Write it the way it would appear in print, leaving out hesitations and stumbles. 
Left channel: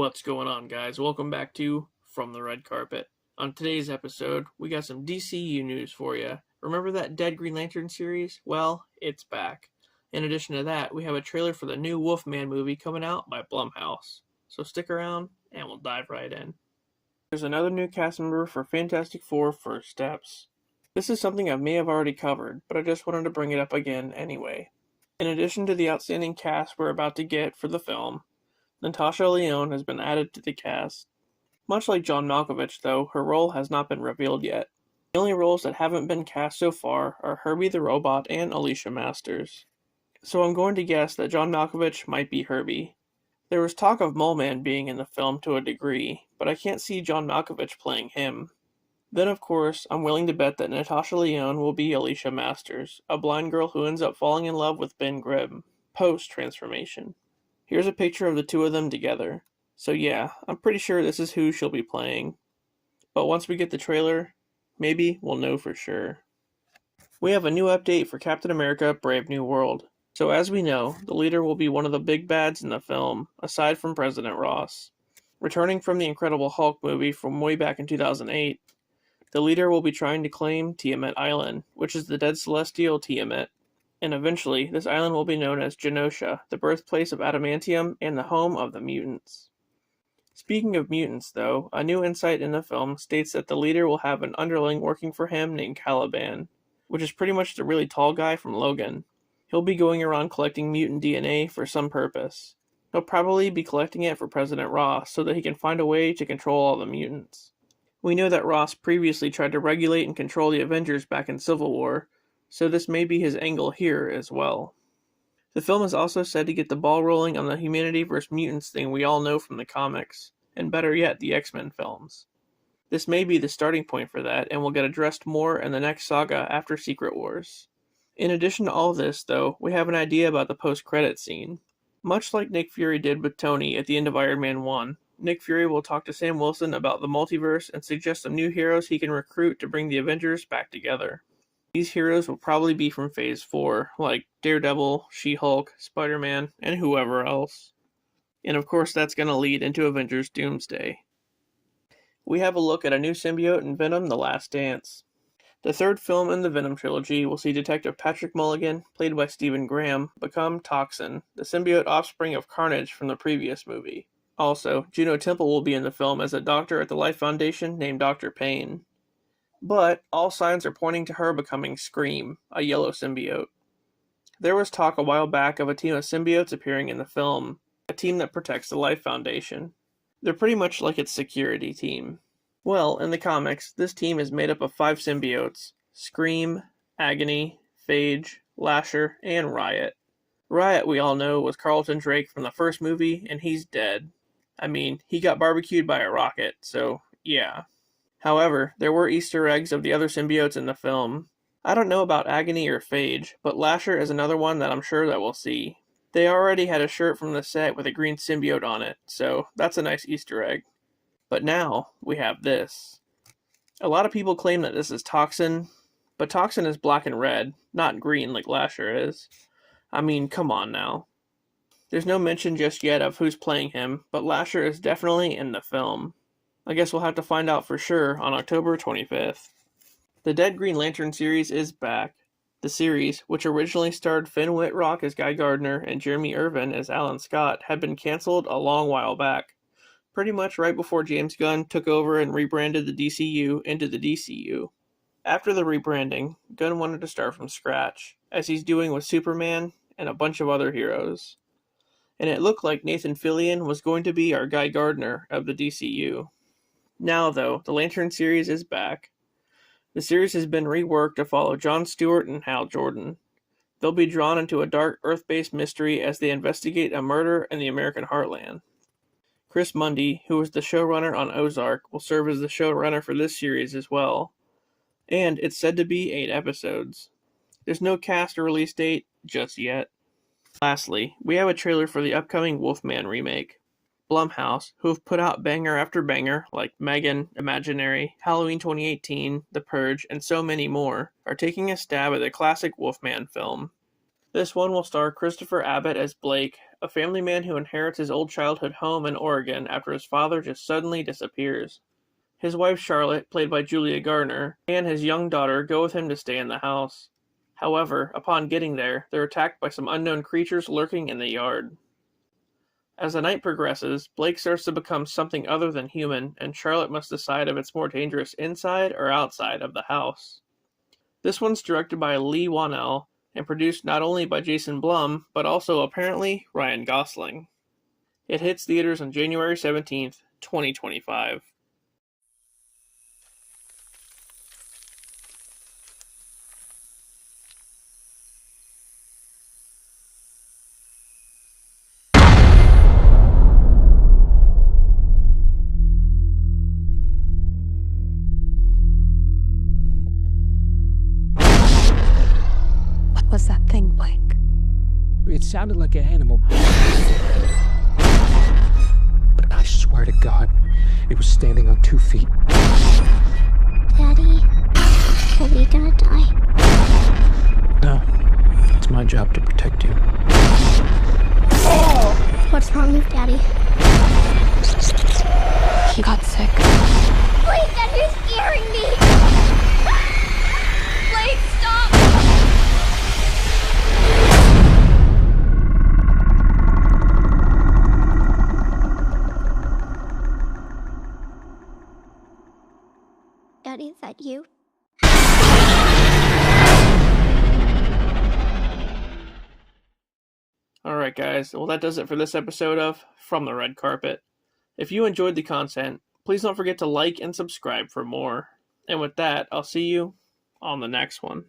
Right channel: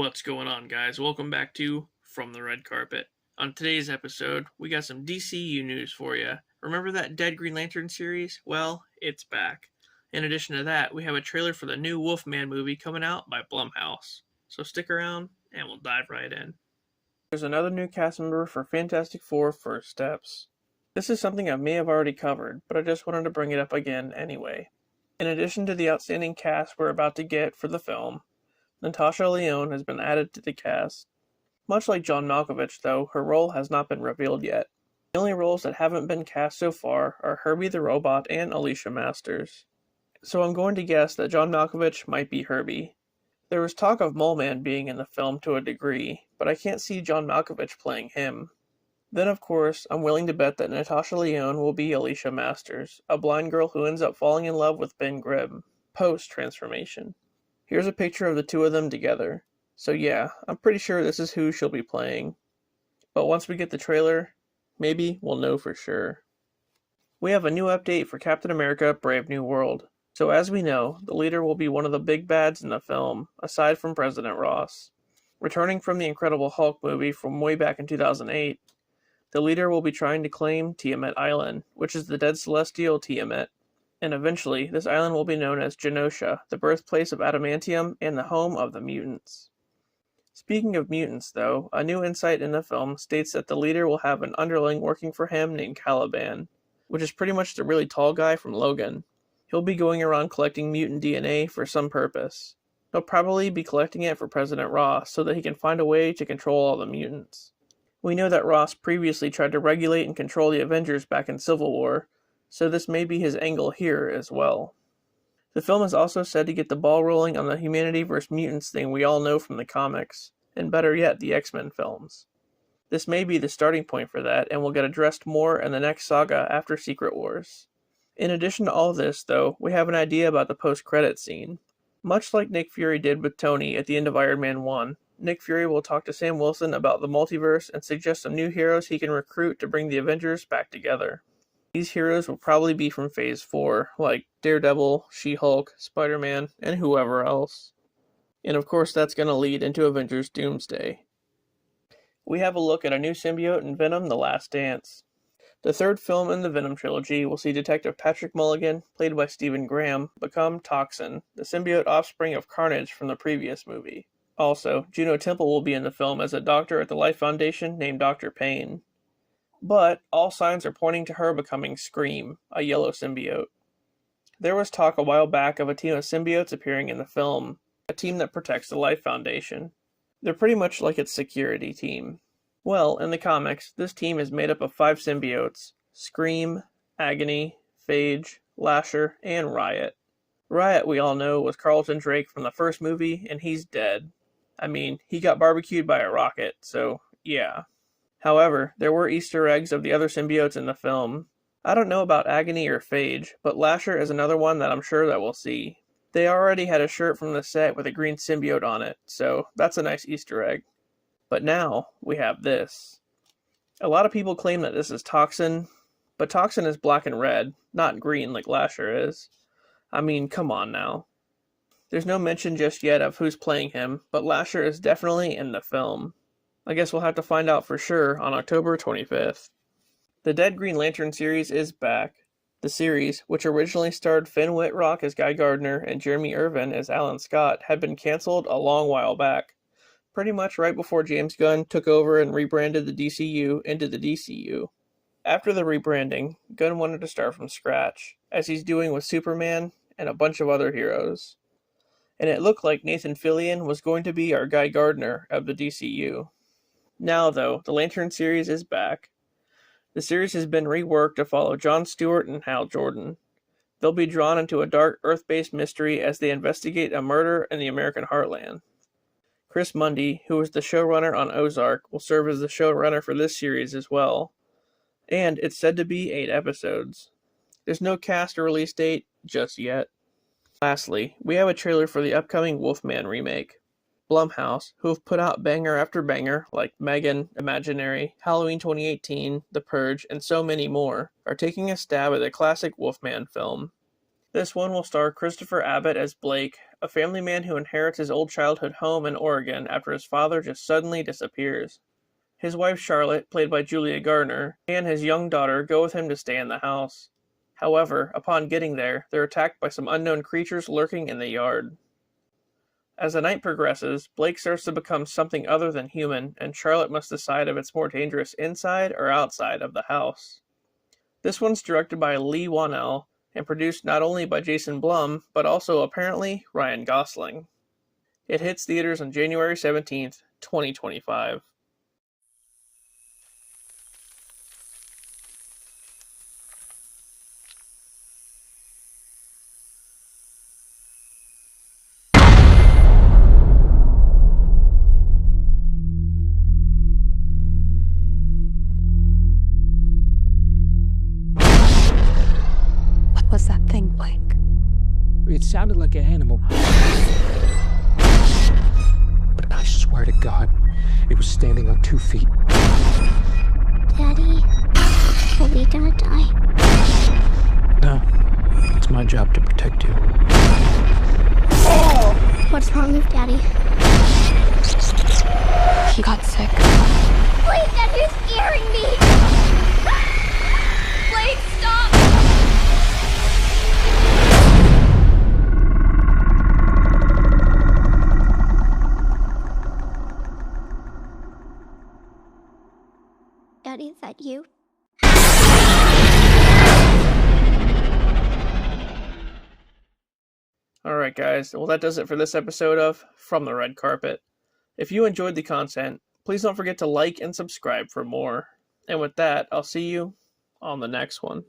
What's going on, guys? Welcome back to From the Red Carpet. On today's episode, we got some DCU news for you. Remember that Dead Green Lantern series? Well, it's back. In addition to that, we have a trailer for the new Wolfman movie coming out by Blumhouse. So stick around, and we'll dive right in. There's another new cast member for Fantastic Four First Steps. This is something I may have already covered, but I just wanted to bring it up again anyway. In addition to the outstanding cast we're about to get for the film, Natasha Lyonne has been added to the cast. Much like John Malkovich, though, her role has not been revealed yet. The only roles that haven't been cast so far are Herbie the Robot and Alicia Masters. So I'm going to guess that John Malkovich might be Herbie. There was talk of Mole Man being in the film to a degree, but I can't see John Malkovich playing him. Then, of course, I'm willing to bet that Natasha Lyonne will be Alicia Masters, a blind girl who ends up falling in love with Ben Grimm, post-transformation. Here's a picture of the two of them together. So yeah, I'm pretty sure this is who she'll be playing. But once we get the trailer, maybe we'll know for sure. We have a new update for Captain America: Brave New World. So as we know, the leader will be one of the big bads in the film, aside from President Ross. Returning from the Incredible Hulk movie from way back in 2008, the leader will be trying to claim Tiamat Island, which is the dead celestial Tiamat. And eventually, this island will be known as Genosha, the birthplace of adamantium and the home of the mutants. Speaking of mutants, though, a new insight in the film states that the leader will have an underling working for him named Caliban, which is pretty much the really tall guy from Logan. He'll be going around collecting mutant DNA for some purpose. He'll probably be collecting it for President Ross so that he can find a way to control all the mutants. We know that Ross previously tried to regulate and control the Avengers back in Civil War, so this may be his angle here as well. The film is also said to get the ball rolling on the humanity vs. mutants thing we all know from the comics, and better yet, the X-Men films. This may be the starting point for that, and will get addressed more in the next saga after Secret Wars. In addition to all this, though, we have an idea about the post-credits scene. Much like Nick Fury did with Tony at the end of Iron Man 1, Nick Fury will talk to Sam Wilson about the multiverse and suggest some new heroes he can recruit to bring the Avengers back together. These heroes will probably be from Phase 4, like Daredevil, She-Hulk, Spider-Man, and whoever else. And of course that's going to lead into Avengers Doomsday. We have a look at a new symbiote in Venom: The Last Dance. The third film in the Venom trilogy will see Detective Patrick Mulligan, played by Stephen Graham, become Toxin, the symbiote offspring of Carnage from the previous movie. Also, Juno Temple will be in the film as a doctor at the Life Foundation named Dr. Payne. But all signs are pointing to her becoming Scream, a yellow symbiote. There was talk a while back of a team of symbiotes appearing in the film, a team that protects the Life Foundation. They're pretty much like its security team. Well, in the comics, this team is made up of 5 symbiotes: Scream, Agony, Phage, Lasher, and Riot. Riot, we all know, was Carlton Drake from the first movie, and he's dead. I mean, he got barbecued by a rocket, so yeah. However, there were Easter eggs of the other symbiotes in the film. I don't know about Agony or Phage, but Lasher is another one that I'm sure that we'll see. They already had a shirt from the set with a green symbiote on it, so that's a nice Easter egg. But now, we have this. A lot of people claim that this is Toxin, but Toxin is black and red, not green like Lasher is. I mean, come on now. There's no mention just yet of who's playing him, but Lasher is definitely in the film. I guess we'll have to find out for sure on October 25th. The Dead Green Lantern series is back. The series, which originally starred Finn Wittrock as Guy Gardner and Jeremy Irvin as Alan Scott, had been canceled a long while back. Pretty much right before James Gunn took over and rebranded the DCU into the DCU. After the rebranding, Gunn wanted to start from scratch, as he's doing with Superman and a bunch of other heroes. And it looked like Nathan Fillion was going to be our Guy Gardner of the DCU. Now, though, the Lantern series is back. The series has been reworked to follow Jon Stewart and Hal Jordan. They'll be drawn into a dark Earth-based mystery as they investigate a murder in the American heartland. Chris Mundy, who was the showrunner on Ozark, will serve as the showrunner for this series as well. And it's said to be 8 episodes. There's no cast or release date just yet. Lastly, we have a trailer for the upcoming Wolfman remake. Blumhouse, who have put out banger after banger like Megan, Imaginary, Halloween 2018, The Purge, and so many more, are taking a stab at the classic Wolfman film. This one will star Christopher Abbott as Blake, a family man who inherits his old childhood home in Oregon after his father just suddenly disappears. His wife Charlotte, played by Julia Garner, and his young daughter go with him to stay in the house. However, upon getting there, they're attacked by some unknown creatures lurking in the yard. As the night progresses, Blake starts to become something other than human, and Charlotte must decide if it's more dangerous inside or outside of the house. This one's directed by Lee Whannell, and produced not only by Jason Blum, but also apparently Ryan Gosling. It hits theaters on January 17th, 2025. What was that thing, Blake? It sounded like an animal. But I swear to God, it was standing on 2 feet. Daddy, are we gonna die? No, it's my job to protect you. What's wrong with Daddy? He got sick. Blake, Dad, you're scaring me! Blake, stop! Daddy, is that you? Alright guys, well that does it for this episode of From the Red Carpet. If you enjoyed the content, please don't forget to like and subscribe for more. And with that, I'll see you on the next one.